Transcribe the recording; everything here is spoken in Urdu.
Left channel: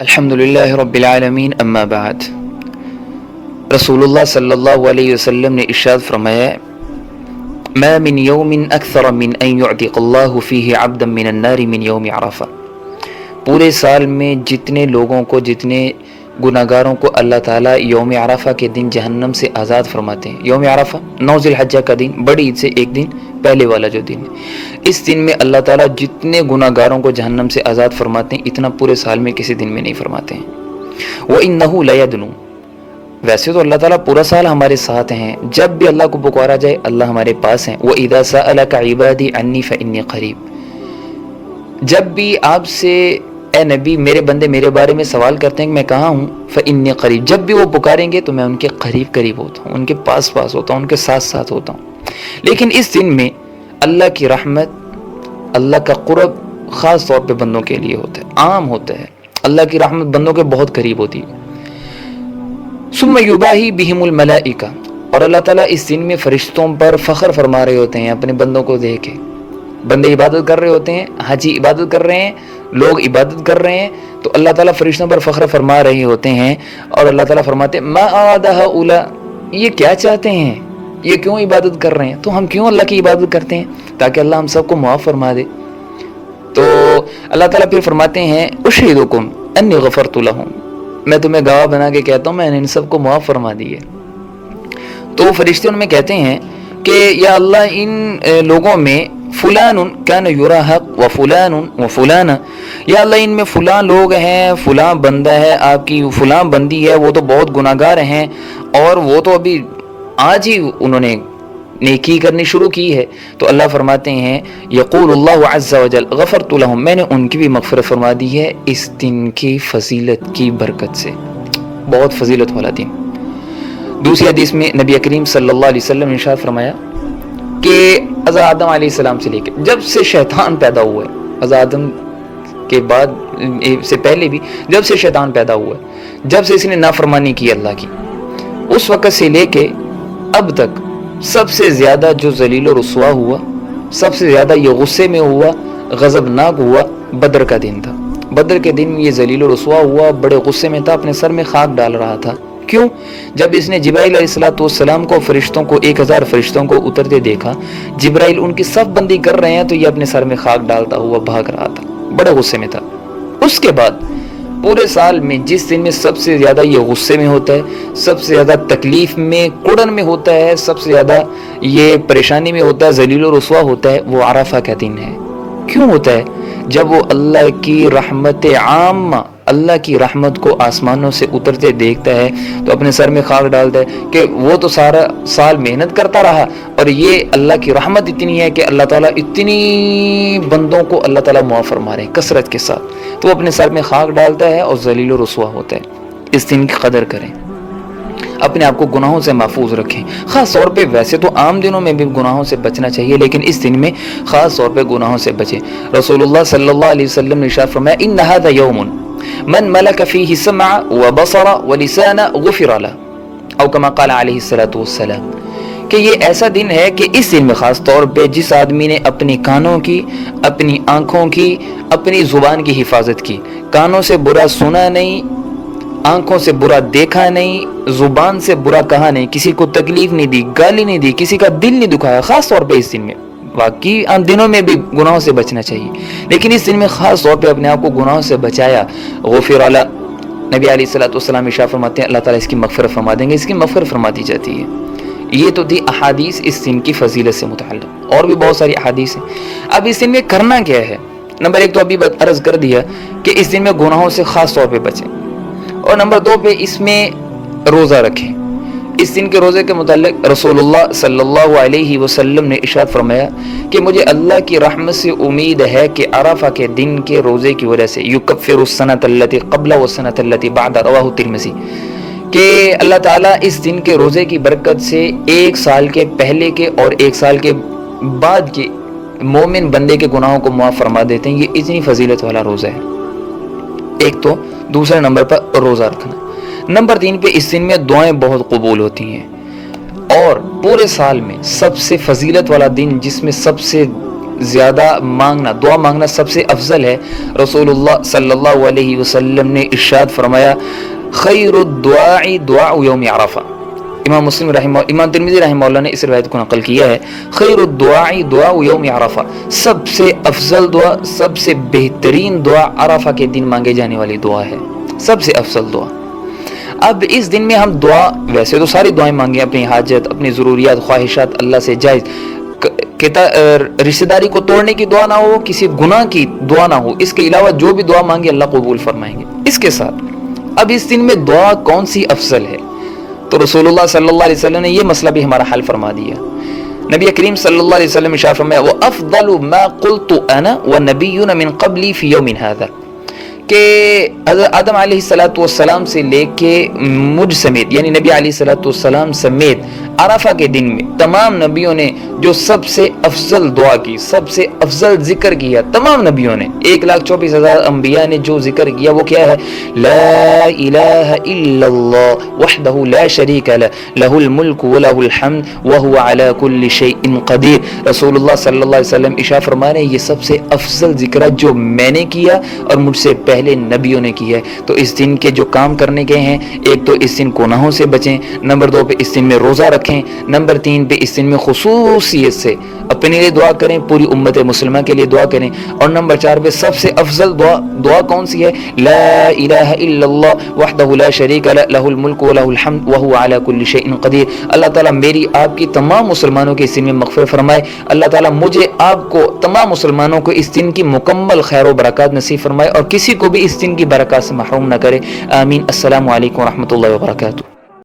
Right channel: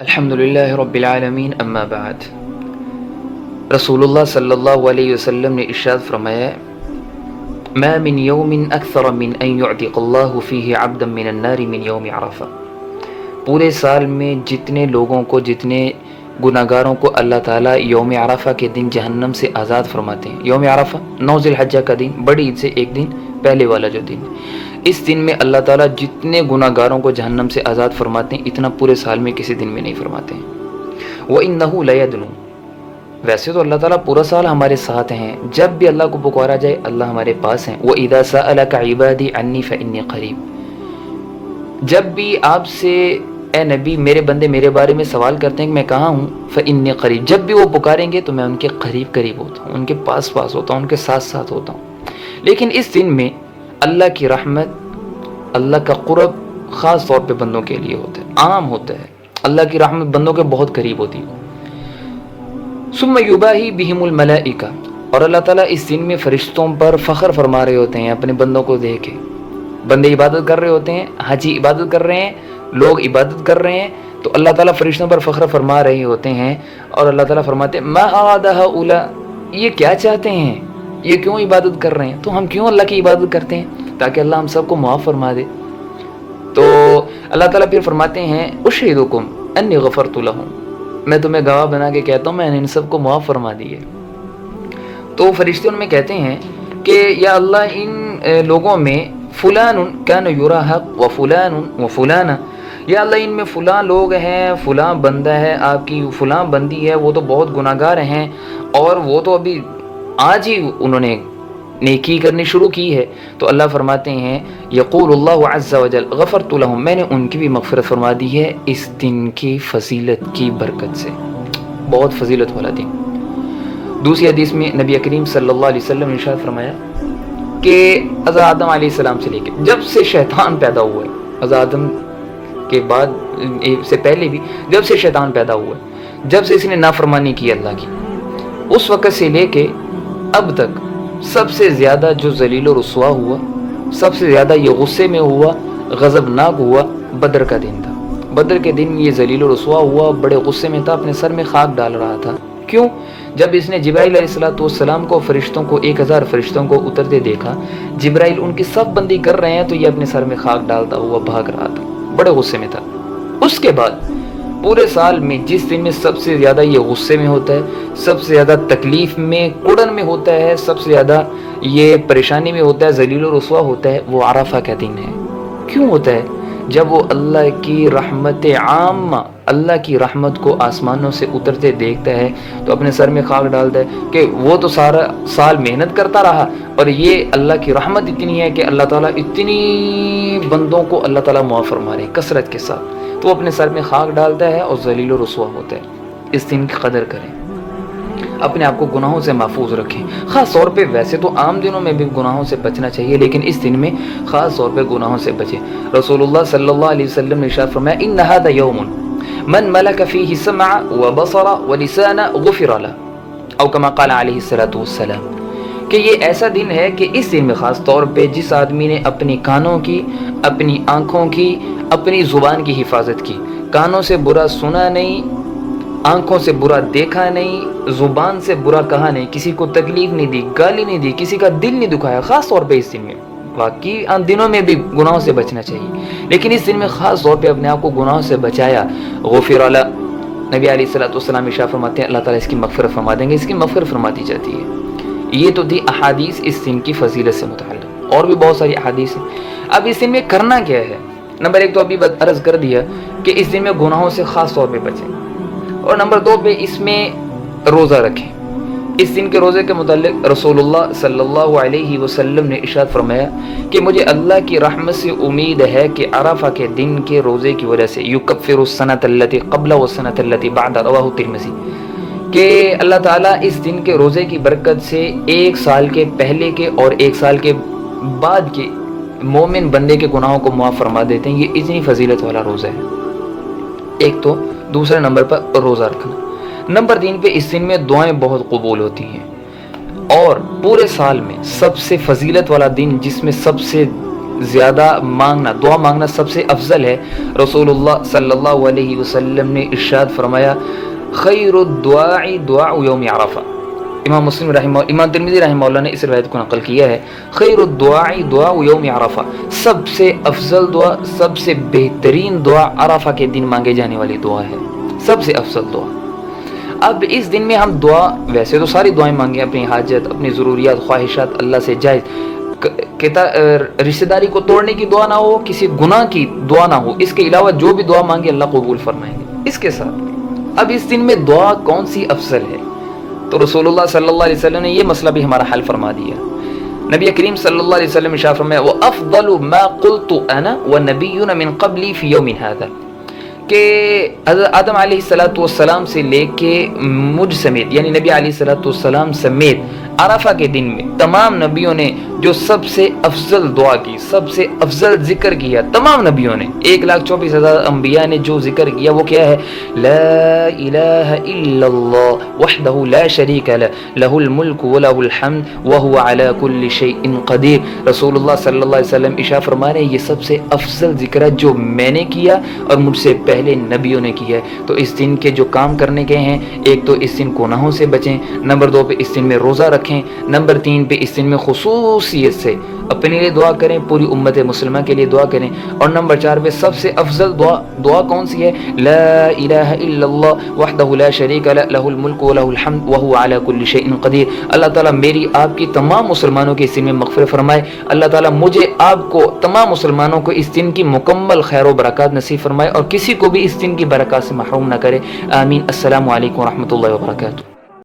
الحمدللہ رب العالمین اما بعد۔ رسول اللہ صلی اللہ علیہ وسلم نے ارشاد فرمایا، ما من یوم اکثر من ان یعتق اللہ فیہ عبدا من النار من یوم عرفہ۔ پورے سال میں جتنے لوگوں کو، جتنے گناہگاروں کو اللہ تعالیٰ یوم عرفہ کے دن جہنم سے آزاد فرماتے ہیں۔ یوم عرفہ 9 ذی الحجہ کا دن، بڑی عید سے ایک دن پہلے والا جو دن، اس دن میں اللہ تعالیٰ جتنے گناہگاروں کو جہنم سے آزاد فرماتے ہیں، اتنا پورے سال میں کسی دن میں نہیں فرماتے ہیں۔ وَإِنَّهُ لَيَدْنُو، ویسے تو اللہ تعالیٰ پورا سال ہمارے ساتھ ہیں، جب بھی اللہ کو پکارا جائے اللہ ہمارے پاس ہیں۔ وَإِذَا سَأَلَكَ عِبَادِي عَنِّي فَإِنِّي قَرِيب، جب بھی آپ سے اے نبی میرے بندے میرے بارے میں سوال کرتے ہیں کہ میں کہاں ہوں، فَإِنِّي قَرِيب، جب بھی وہ پکاریں گے تو میں ان کے قریب ہوتا ہوں، ان کے پاس ہوتا ہوں، ان کے ساتھ ہوتا ہوں۔ لیکن اس دن میں اللہ کی رحمت، اللہ کا قرب خاص طور پہ بندوں کے لیے ہوتا ہے، عام ہوتا ہے۔ اللہ کی رحمت بندوں کے بہت قریب ہوتی ہے۔ ثم یباہی بہم الملائکہ، اور اللہ تعالیٰ اس دن میں فرشتوں پر فخر فرما رہے ہوتے ہیں اپنے بندوں کو دیکھ کے۔ بندے عبادت کر رہے ہوتے ہیں، حاجی عبادت کر رہے ہیں، لوگ عبادت کر رہے ہیں، تو اللہ تعالیٰ فرشتوں پر فخر فرما رہے ہوتے ہیں، اور اللہ تعالیٰ فرماتے ہیں ما اراد ہؤلاء، یہ کیا چاہتے ہیں، یہ کیوں عبادت کر رہے ہیں، تو ہم کیوں اللہ کی عبادت کرتے ہیں تاکہ اللہ ہم سب کو معاف فرما دے۔ تو اللہ تعالیٰ پھر فرماتے ہیں اشہدکم انی غفرت لہم، میں تمہیں گواہ بنا کے کہتا ہوں میں نے ان سب کو معاف فرما دی ہے۔ تو فرشتے ان میں کہتے ہیں کہ یا اللہ ان لوگوں میں فلان کان یراحق و فلان و فلانا، یا اللہ ان میں فلاں لوگ ہیں، فلاں بندہ ہے، آپ کی فلاں بندی ہے، وہ تو بہت گناہگار ہیں، اور وہ تو ابھی آج ہی انہوں نے نیکی کرنی شروع کی ہے۔ تو اللہ فرماتے ہیں یقول اللہ عز وجل غفرت لہم، میں نے ان کی بھی مغفرت فرما دی ہے اس دن کی فضیلت کی برکت سے، بہت فضیلت والا دن۔ دوسری حدیث میں نبی کریم صلی اللہ علیہ وسلم نے ارشاد فرمایا کہ حضرت آدم علیہ السلام سے لے کے جب سے شیطان پیدا ہوا ہے، حضرت آدم کے بعد سے پہلے بھی جب سے شیطان پیدا ہوا ہے، جب سے اس نے نافرمانی کی اللہ کی، اس وقت سے لے کے اب تک سب سے زیادہ جو ذلیل و رسوا ہوا، سب سے زیادہ یہ غصے میں ہوا، غضبناک ہوا، بدر کا دن تھا۔ بدر کے دن یہ ذلیل و رسوا ہوا، بڑے غصے میں تھا، اپنے سر میں خاک ڈال رہا تھا۔ کیوں؟ جب اس نے جبرائیل علیہ السلام کو، فرشتوں کو، 1000 فرشتوں کو اترتے دیکھا، جبرائیل ان کی سب بندی کر رہے ہیں تو یہ اپنے سر میں خاک ڈالتا ہوا بھاگ رہا تھا، بڑے غصے میں تھا۔ اس کے بعد پورے سال میں جس دن میں سب سے زیادہ یہ غصے میں ہوتا ہے، سب سے زیادہ تکلیف میں، کڑن میں ہوتا ہے، سب سے زیادہ یہ پریشانی میں ہوتا ہے، ذلیل و رسوا ہوتا ہے، وہ عرفہ کا دن ہے۔ کیوں ہوتا ہے؟ جب وہ اللہ کی رحمت عامہ، اللہ کی رحمت کو آسمانوں سے اترتے دیکھتا ہے تو اپنے سر میں خاک ڈالتا ہے کہ وہ تو سارا سال محنت کرتا رہا، اور یہ اللہ کی رحمت اتنی ہے کہ اللہ تعالیٰ اتنی بندوں کو اللہ تعالیٰ معاف فرما رہے ہیں کثرت کے ساتھ، تو وہ اپنے سر میں خاک ڈالتا ہے اور ذلیل و رسوا ہوتا ہے۔ اس دن کی قدر کریں، اپنے آپ کو گناہوں سے محفوظ رکھیں، خاص طور پہ ویسے تو عام دنوں میں بھی گناہوں سے بچنا چاہیے، لیکن اس دن میں خاص طور پہ گناہوں سے بچیں۔ رسول اللہ صلی اللہ علیہ وسلم نے ارشاد فرمایا ان ھذا یوم من ملک فیہ سمع وبصر ولسان غفر له، او کما قال علیہ الصلوۃ والسلام، کہ یہ ایسا دن ہے کہ اس دن میں خاص طور پہ جس آدمی نے اپنی کانوں کی، اپنی آنکھوں کی، اپنی زبان کی حفاظت کی، کانوں سے برا سنا نہیں، آنکھوں سے برا دیکھا نہیں، زبان سے برا کہا نہیں، کسی کو تکلیف نہیں دی، گالی نہیں دی، کسی کا دل نہیں دکھایا، خاص طور پہ اس دن میں، باقی عام دنوں میں بھی گناہوں سے بچنا چاہیے، لیکن اس دن میں خاص طور پہ اپنے آپ کو گناہوں سے بچایا، غفر له، نبی علیہ الصلوۃ والسلام ارشاد فرماتے ہیں اللہ تعالیٰ اس کی مغفرت فرما دیں گے، اس کی مغفرت فرما دی جاتی ہے۔ یہ تو تھی احادیث اس دن کی فضیلت سے متعلق، اور بھی بہت ساری احادیث ہیں۔ اب اس دن میں کرنا کیا ہے؟ نمبر 1 تو ابھی عرض کر دیا کہ اس دن میں گناہوں سے خاص طور پہ بچیں، اور نمبر 2 پہ اس میں روزہ رکھیں۔ اس دن کے روزے کے متعلق رسول اللہ صلی اللہ علیہ وسلم نے ارشاد فرمایا کہ مجھے اللہ کی رحمت سے امید ہے کہ عرفہ کے دن کے روزے کی وجہ سے یکفر السنۃ التی قبل والسنۃ التی بعد، رواہ ترمذی، کہ اللہ تعالیٰ اس دن کے روزے کی برکت سے 1 سال کے پہلے کے اور 1 سال کے بعد کے مومن بندے کے گناہوں کو معاف فرما دیتے ہیں۔ یہ اتنی فضیلت والا روزہ ہے، ایک تو۔ دوسرے نمبر پر روزہ رکھنا۔ نمبر 3 پہ اس دن میں دعائیں بہت قبول ہوتی ہیں، اور پورے سال میں سب سے فضیلت والا دن جس میں سب سے زیادہ مانگنا، دعا مانگنا سب سے افضل ہے۔ رسول اللہ صلی اللہ علیہ وسلم نے ارشاد فرمایا خیر الدعاء دعاء یوم عرفہ۔ امام مسلم رحمہ، امام ترمذی رحمہ اللہ نے اس روایت کو نقل کیا ہے، خیر الدعاء دعاء یوم عرفہ، سب سے افضل دعا، سب سے بہترین دعا عرفہ کے دن مانگے جانے والی دعا ہے، سب سے افضل دعا۔ اب اس دن میں ہم دعا، ویسے تو ساری دعائیں مانگیں، اپنی حاجت، اپنی ضروریات، خواہشات اللہ سے جائز، رشتہ داری کو توڑنے کی دعا نہ ہو، کسی گناہ کی دعا نہ ہو، اس کے علاوہ جو بھی دعا مانگے اللہ قبول فرمائیں گے۔ اس کے ساتھ اب اس دن میں دعا کون سی افضل ہے، تو رسول اللہ صلی اللہ علیہ وسلم نے یہ مسئلہ بھی ہمارا حل فرما دیا۔ نبی کریم صلی اللہ علیہ وسلم ارشاد فرمایا وَأَفْضَلُ مَا قُلْتُ أَنَا وَالنَّبِيُّونَ مِن قَبْلِي فِي يَوْمٍ هَذَا، کہ حضرت آدم علیہ السلام سے لے کے مجھ سمیت، یعنی نبی علیہ السلام سمیت عرفہ کے دن میں تمام نبیوں نے جو سب سے افضل دعا کی، سب سے افضل ذکر کیا، تمام نبیوں نے 1,24,000 انبیاء نے جو ذکر کیا وہ کیا ہے؟ لا الہ الا اللہ وحدہ لا شریک لہ لہ الملک ولہ الحمد وہو علی کل شیء قدیر۔ رسول اللہ صلی اللہ علیہ وسلم ارشاد فرما رہے ہیں یہ سب سے افضل ذکر ہے جو میں نے کیا اور مجھ سے پہلے نبیوں نے کیا ہے۔ تو اس دن کے جو کام کرنے کے ہیں، ایک تو اس دن گناہوں سے بچیں، نمبر 2 پہ اس دن میں روزہ رکھیں، نمبر 3 پہ اس دن میں خصوصیت سے اپنے لیے دعا کریں، پوری امت مسلمہ کے لیے دعا کریں، اور نمبر 4 پہ سب سے افضل دعا کون سی ہے؟ لا الہ الا اللہ وحدہ لا شریک لہ لہ الملک ولہ الحمد وہو علی کل شیء قدیر۔ اللہ تعالیٰ میری آپ کی تمام مسلمانوں کے اس دن میں مغفرت فرمائے، اللہ تعالیٰ مجھے آپ کو تمام مسلمانوں کو اس دن کی مکمل خیر و برکات نصیب فرمائے اور کسی کو بھی اس دن کی برکات سے محروم نہ کرے، آمین۔ السلام علیکم ورحمۃ اللہ وبرکاتہ۔